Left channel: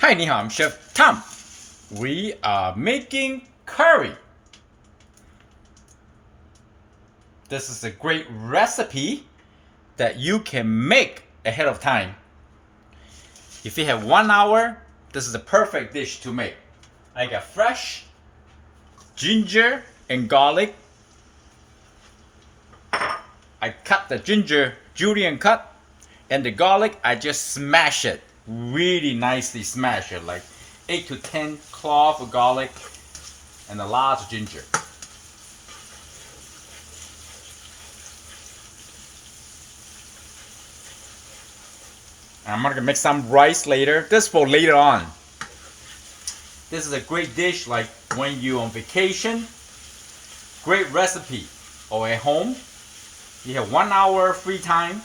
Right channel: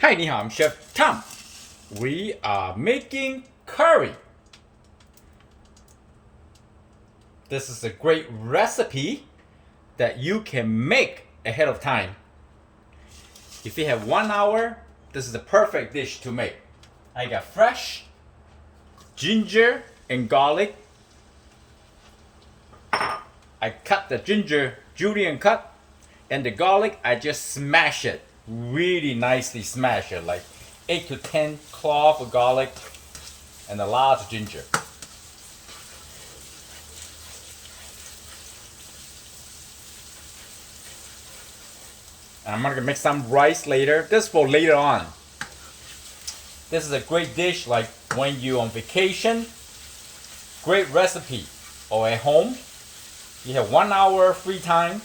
Hi, 你好, I'm Chef Tom. We are making curry. This is a great recipe that you can make ahead of time. If you have 1 hour, this is a perfect dish to make. I got fresh ginger and garlic. I cut the ginger julienne cut, and the garlic I just smash it really nicely. Smash it like 8 to 10 cloves of garlic and a lot of ginger. And I'm gonna make some rice later. This for later on. This is a great dish like when you're on vacation. Great recipe. Or at home. You have 1 hour free time.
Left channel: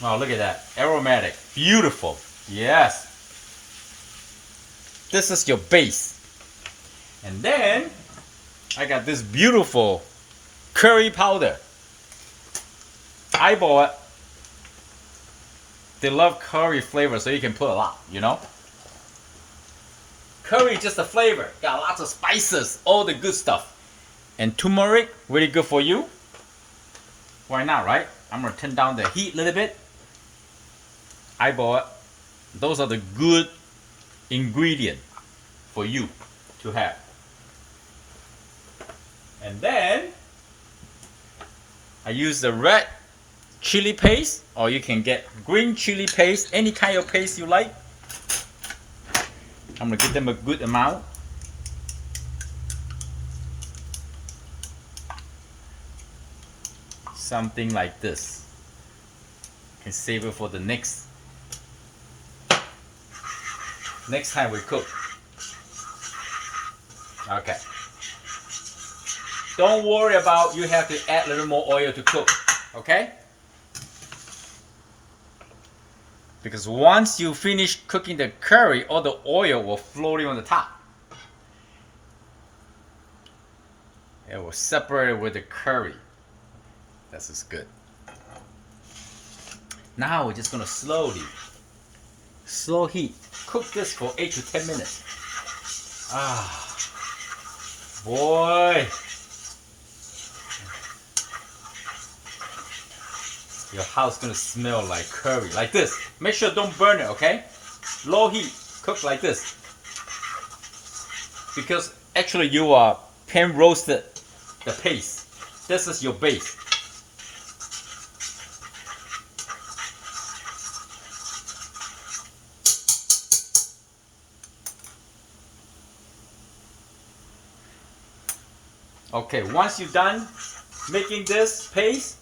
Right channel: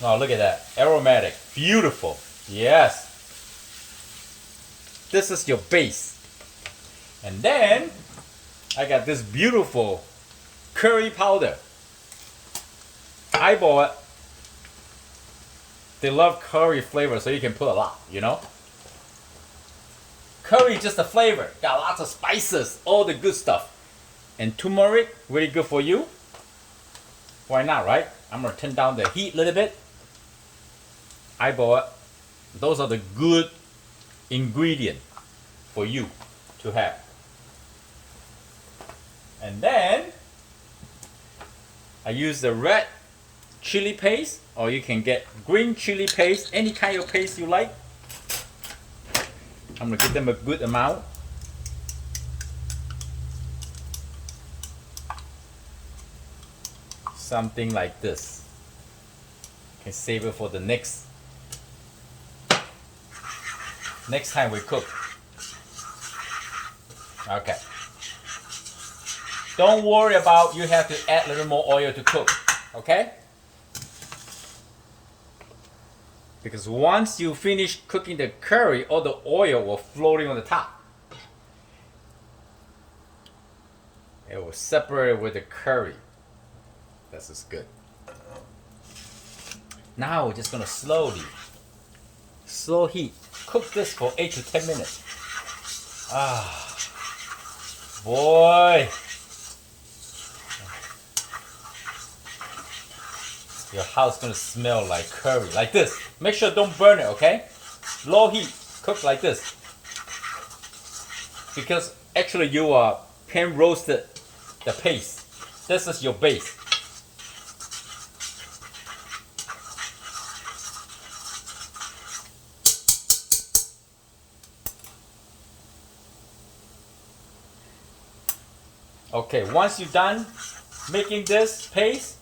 Oh, look at that. Aromatic. Beautiful. Yes. This is your base. And then I got this beautiful curry powder. I bought it. They love curry flavor, so you can put a lot, you know? Curry is just a flavor. Got lots of spices, all the good stuff. And turmeric, really good for you. Why not, right? I'm gonna turn down the heat a little bit. I bought. Those are the good ingredients for you to have. And then I use the red chili paste, or you can get green chili paste, any kind of paste you like. I'm gonna give them a good amount. Something like this. You can save it for the next time we cook. Okay. Don't worry about you have to add a little more oil to cook. Okay? Because once you finish cooking the curry, all the oil will float on the top. It will separate it with the curry. This is good. Now we're just gonna slow heat, cook this for 8 to 10 minutes. Ah, boy. Your house is gonna smell like curry, like this. Make sure don't burn it, okay? Low heat, cook like this. Because actually you are pan roasted the paste. This is your base. Okay, once you're done making this paste,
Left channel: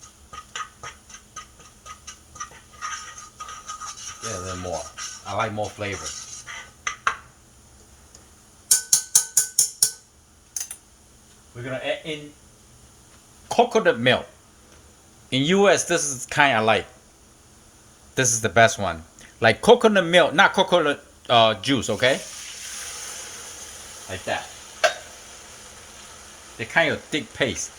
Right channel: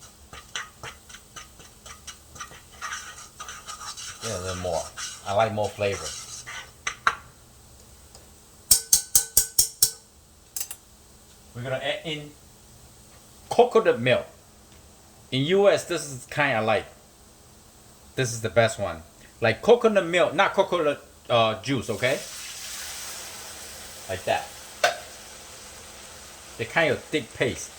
yeah, a little more. I like more flavor. We're gonna add in coconut milk. In US, this is kind of like, this is the best one. Like coconut milk, not coconut juice, okay? Like that. They're kind of thick paste.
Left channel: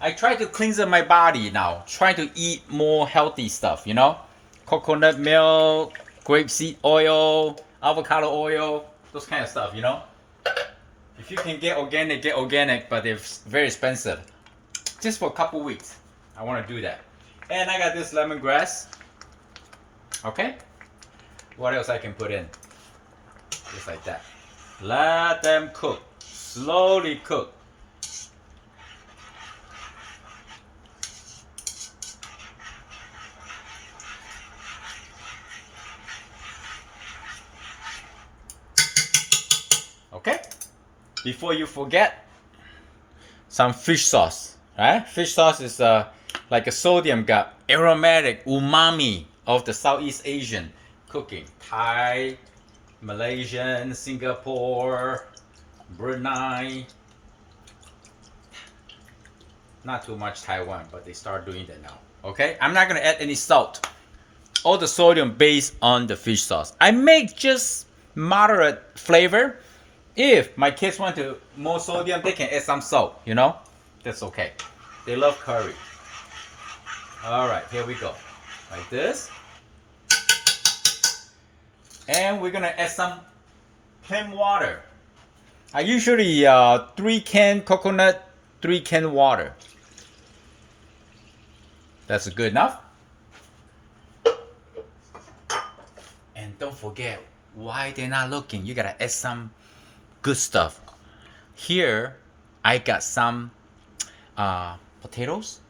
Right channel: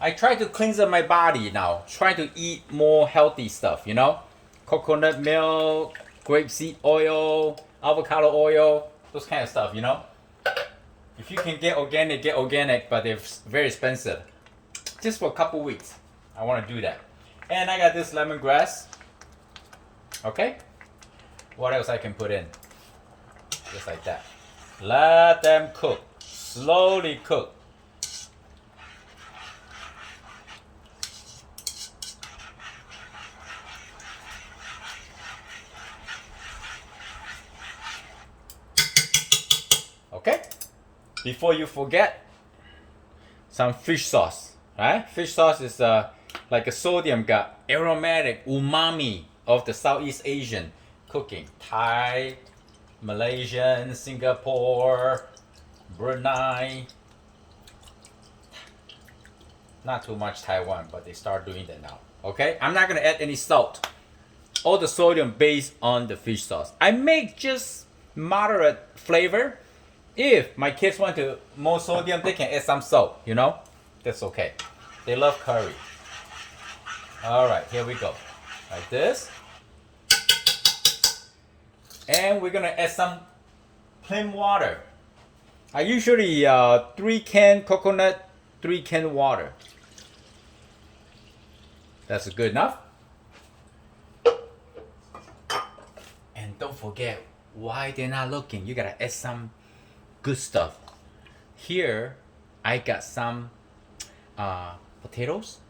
I try to cleanse up my body now. Try to eat more healthy stuff, you know? Coconut milk, grapeseed oil, avocado oil, those kind of stuff, you know? If you can get organic, but they're very expensive. Just for a couple weeks, I want to do that. And I got this lemongrass. Okay? What else I can put in? Just like that. Let them cook. Slowly cook. Okay? Before you forget, some fish sauce. Right? Fish sauce is like a sodium gut, aromatic umami of the Southeast Asian cooking. Thai, Malaysian, Singapore, Brunei. Not too much Taiwan, but they start doing that now. Okay? I'm not gonna add any salt. All the sodium based on the fish sauce. I make just moderate flavor. If my kids want to more sodium, they can add some salt, you know? That's okay. They love curry. Alright, here we go. Like this. And we're gonna add some plain water. I usually 3 can coconut, 3 can water. That's good enough. And don't forget, why they're not looking, you gotta add some good stuff. Here, I got some potatoes.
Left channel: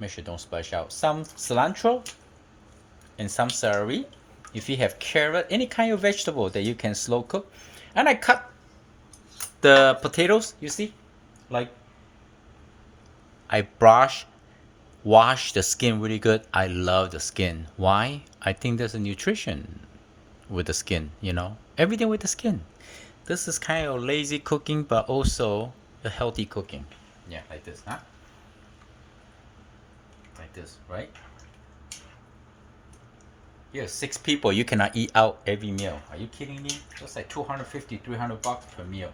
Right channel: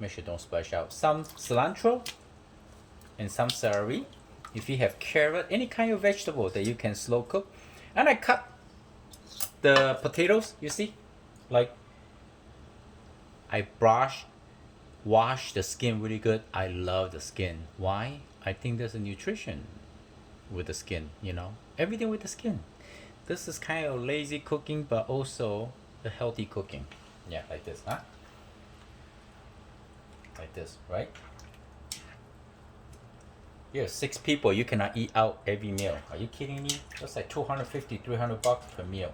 Make sure don't splash out. Some cilantro and some celery. If you have carrot, any kind of vegetable that you can slow cook. And I cut the potatoes, you see? Like, I wash the skin really good. I love the skin. Why? I think there's a nutrition with the skin, you know? Everything with the skin. This is kind of lazy cooking, but also a healthy cooking. Yeah, like this, huh? Like this, right? You're 6 people, you cannot eat out every meal. Are you kidding me? That's like $250, $300 per meal.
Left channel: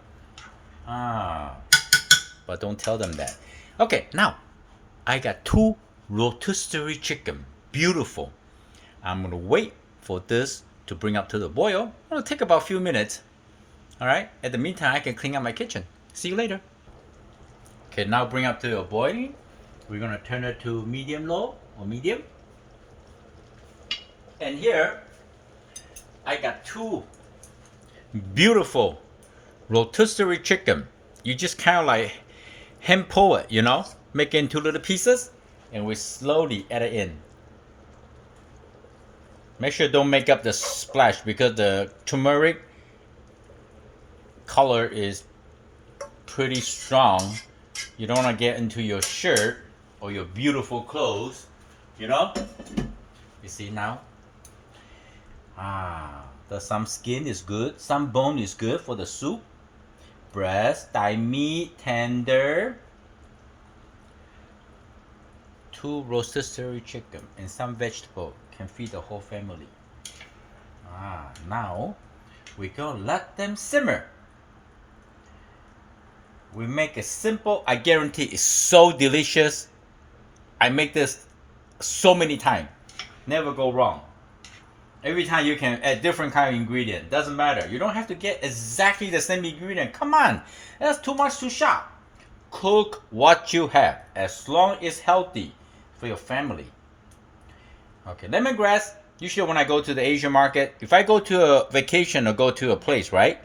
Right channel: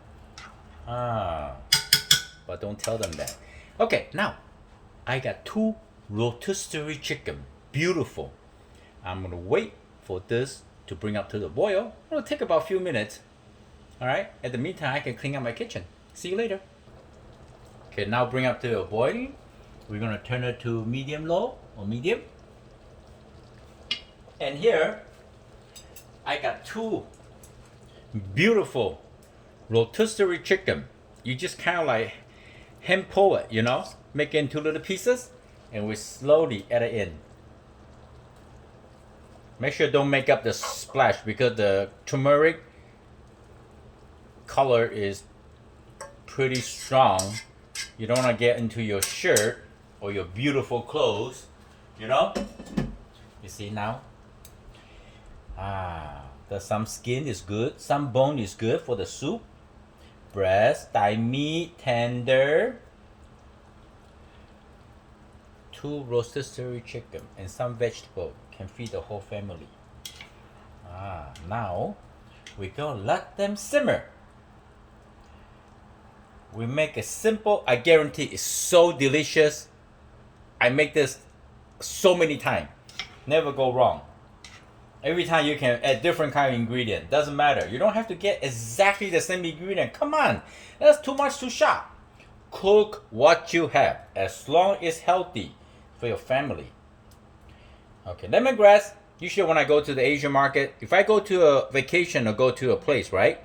But don't tell them that. Okay, now I got 2 rotisserie chicken. Beautiful. I'm gonna wait for this to bring up to the boil. It'll take about a few minutes. Alright, at the meantime, I can clean up my kitchen. See you later. Okay, now bring up to a boiling. We're gonna turn it to medium low or medium. And here, I got 2 beautiful rotisserie chicken. You just kind of like hand pull it, you know, make it into little pieces, and we slowly add it in. Make sure don't make up the splash because the turmeric color is pretty strong. You don't want to get into your shirt or your beautiful clothes, you know. You see now? Some skin is good, some bone is good for the soup. Breast, thigh meat, tender. 2 rotisserie chicken and some vegetable can feed the whole family. Now we're gonna let them simmer. We make it simple. I guarantee it's so delicious. I make this so many times. Never go wrong. Every time you can add different kind of ingredient. Doesn't matter. You don't have to get exactly the same ingredient. Come on. That's too much to shop. Cook what you have. As long as it's healthy for your family. Okay, lemongrass. Usually when I go to the Asian market, if I go to a vacation or go to a place, right?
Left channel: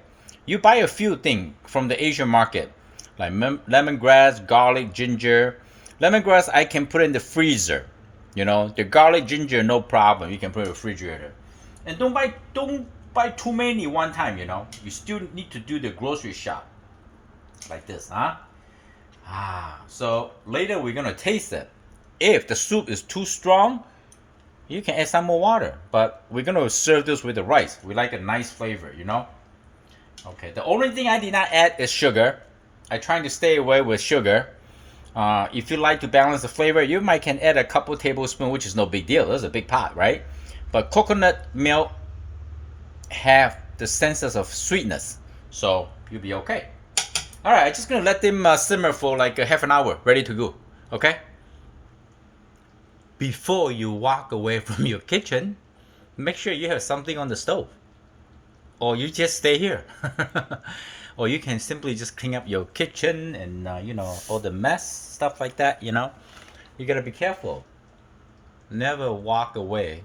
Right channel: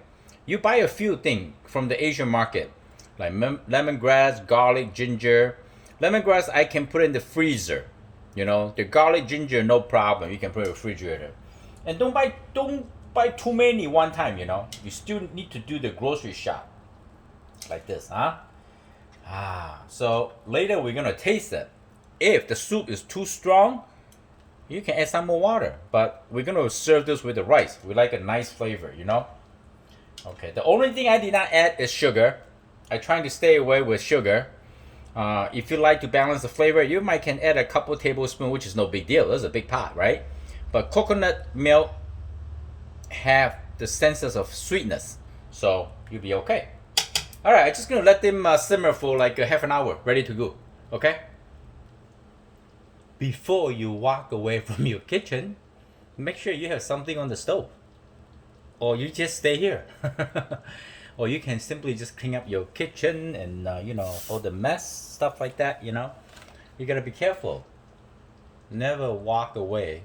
You buy a few things from the Asian market. Like lemongrass, garlic, ginger. Lemongrass I can put in the freezer. You know, the garlic, ginger, no problem. You can put in the refrigerator. And don't buy too many one time, you know. You still need to do the grocery shop. Like this, huh? So later we're gonna taste it. If the soup is too strong, you can add some more water. But we're gonna serve this with the rice. We like a nice flavor, you know. Okay, the only thing I did not add is sugar. I'm trying to stay away with sugar. If you like to balance the flavor, you might can add a couple tablespoons, which is no big deal. That's a big pot, right? But coconut milk have the senses of sweetness, so you'll be okay. All right, I'm just gonna let them simmer for like a half an hour, ready to go. Okay. Before you walk away from your kitchen, make sure you have something on the stove, or you just stay here. Or you can simply just clean up your kitchen and you know, all the mess stuff like that. You know, you gotta be careful. Never walk away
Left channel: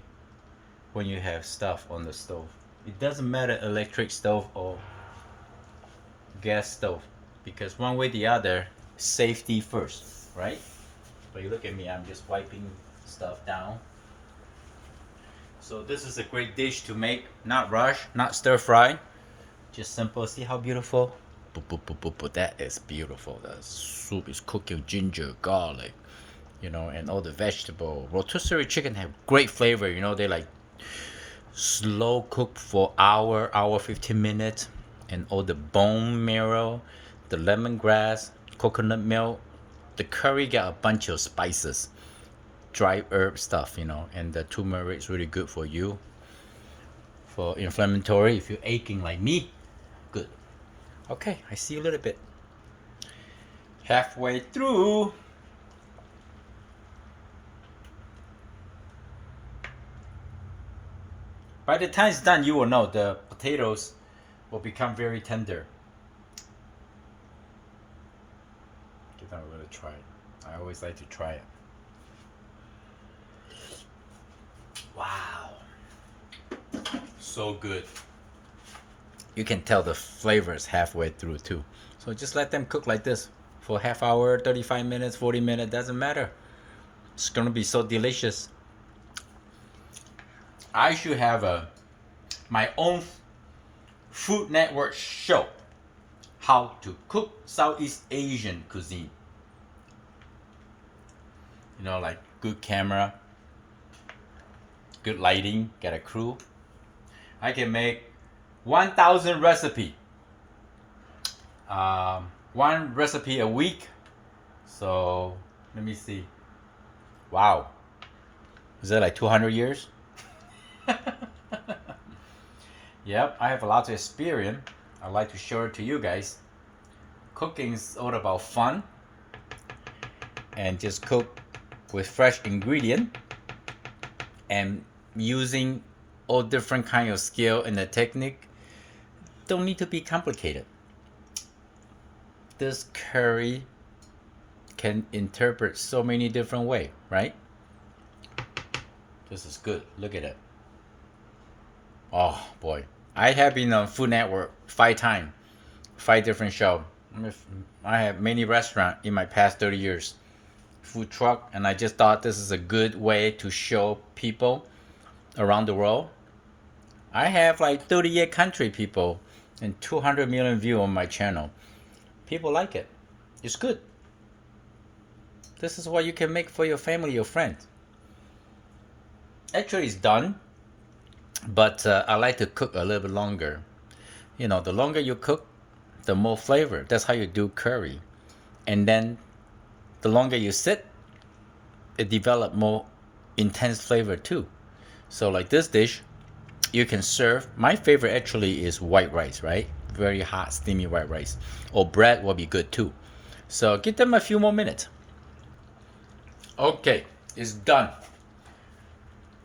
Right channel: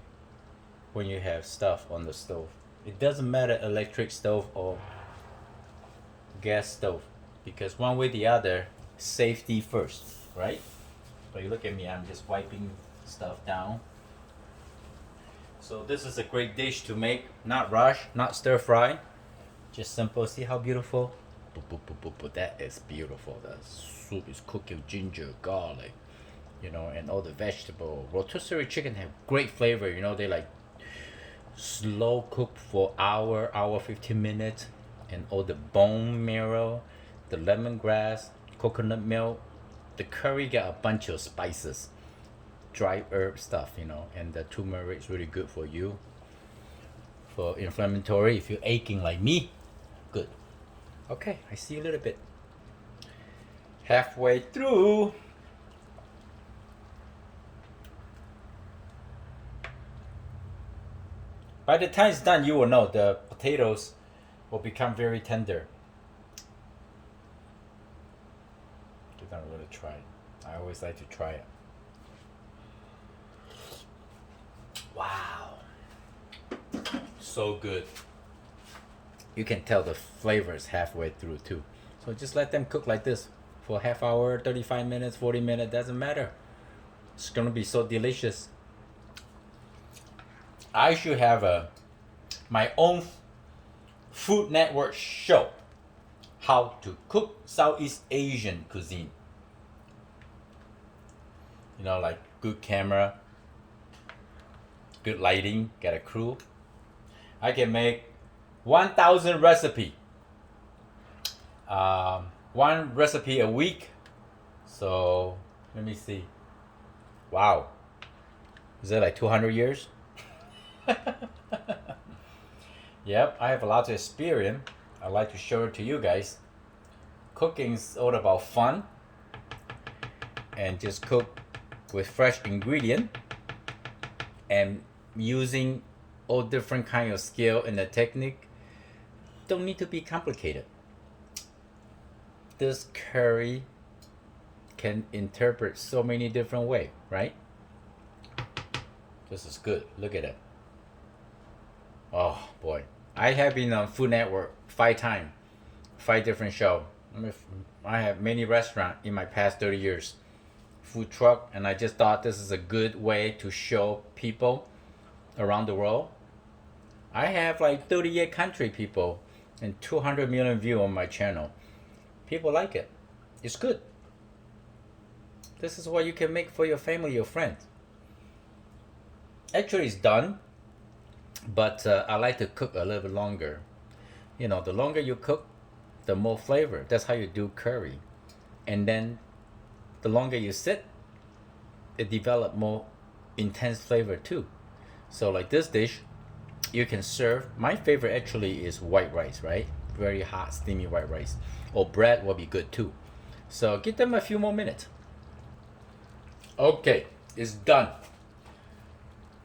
when you have stuff on the stove. It doesn't matter electric stove or gas stove, because one way or the other, safety first, right? So you look at me, I'm just wiping stuff down. So this is a great dish to make, not rush, not stir fry, just simple. See how beautiful? That is beautiful. The soup is cooked with ginger, garlic, you know, and all the vegetable. Rotisserie chicken have great flavor, you know. They like slow cook for hour 15 minutes, and all the bone marrow, the lemongrass, coconut milk, the curry got a bunch of spices, dry herb stuff, you know, and the turmeric is really good for you, for inflammatory. If you're aching like me, good. Okay, I see a little bit. Halfway through. By the time it's done, you will know the potatoes will become very tender. You're not really try it. I always like to try it. Wow. So good. You can tell the flavors halfway through too. So just let them cook like this for half hour, 35 minutes, 40 minutes, doesn't matter. It's gonna be so delicious. I should have my own Food Network show, how to cook Southeast Asian cuisine. You know, like good camera, good lighting, get a crew. I can make 1,000 recipe. One recipe a week. So let me see. Wow. Is that like 200 years? Yep, I have a lot of experience. I like to show it to you guys. Cooking is all about fun. And just cook with fresh ingredient. And using all different kind of skill and the technique. Don't need to be complicated. This curry can interpret so many different ways, right? This is good. Look at it. Oh boy. I have been on Food Network 5 times, 5 different shows. I have many restaurants in my past 30 years. Food truck, and I just thought this is a good way to show people around the world. I have like 38 country people and 200 million views on my channel. People like it. It's good. This is what you can make for your family, your friends. Actually, it's done, but I like to cook a little bit longer. You know, the longer you cook, the more flavor. That's how you do curry. And then the longer you sit, it develops more intense flavor too. So like this dish, you can serve. My favorite actually is white rice, right? Very hot, steamy white rice. Or bread will be good too. So give them a few more minutes. Okay, it's done.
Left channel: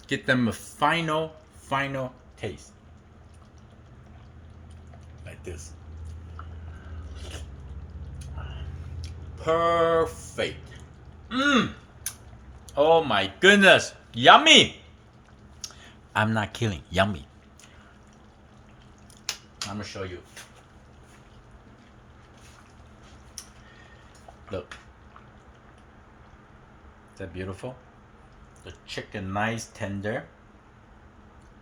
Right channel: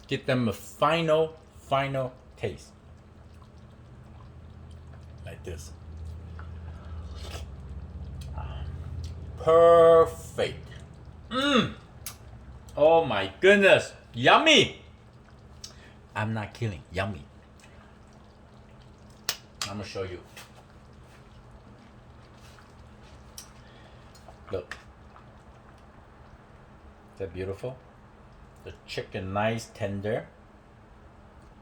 Give them a final taste. Like this. Perfect. Oh my goodness. Yummy. I'm not kidding. Yummy. I'm gonna show you. Look. Is that beautiful? The chicken nice tender.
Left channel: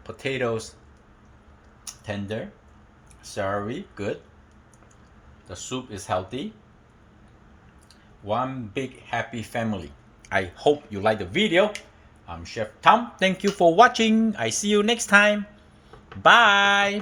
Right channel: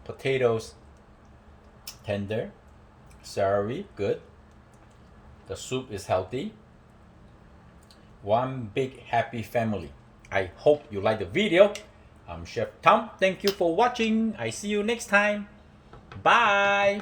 Potatoes tender. Celery good. The soup is healthy. One big happy family. I hope you like the video. I'm Chef Tom. Thank you for watching. I see you next time. Bye.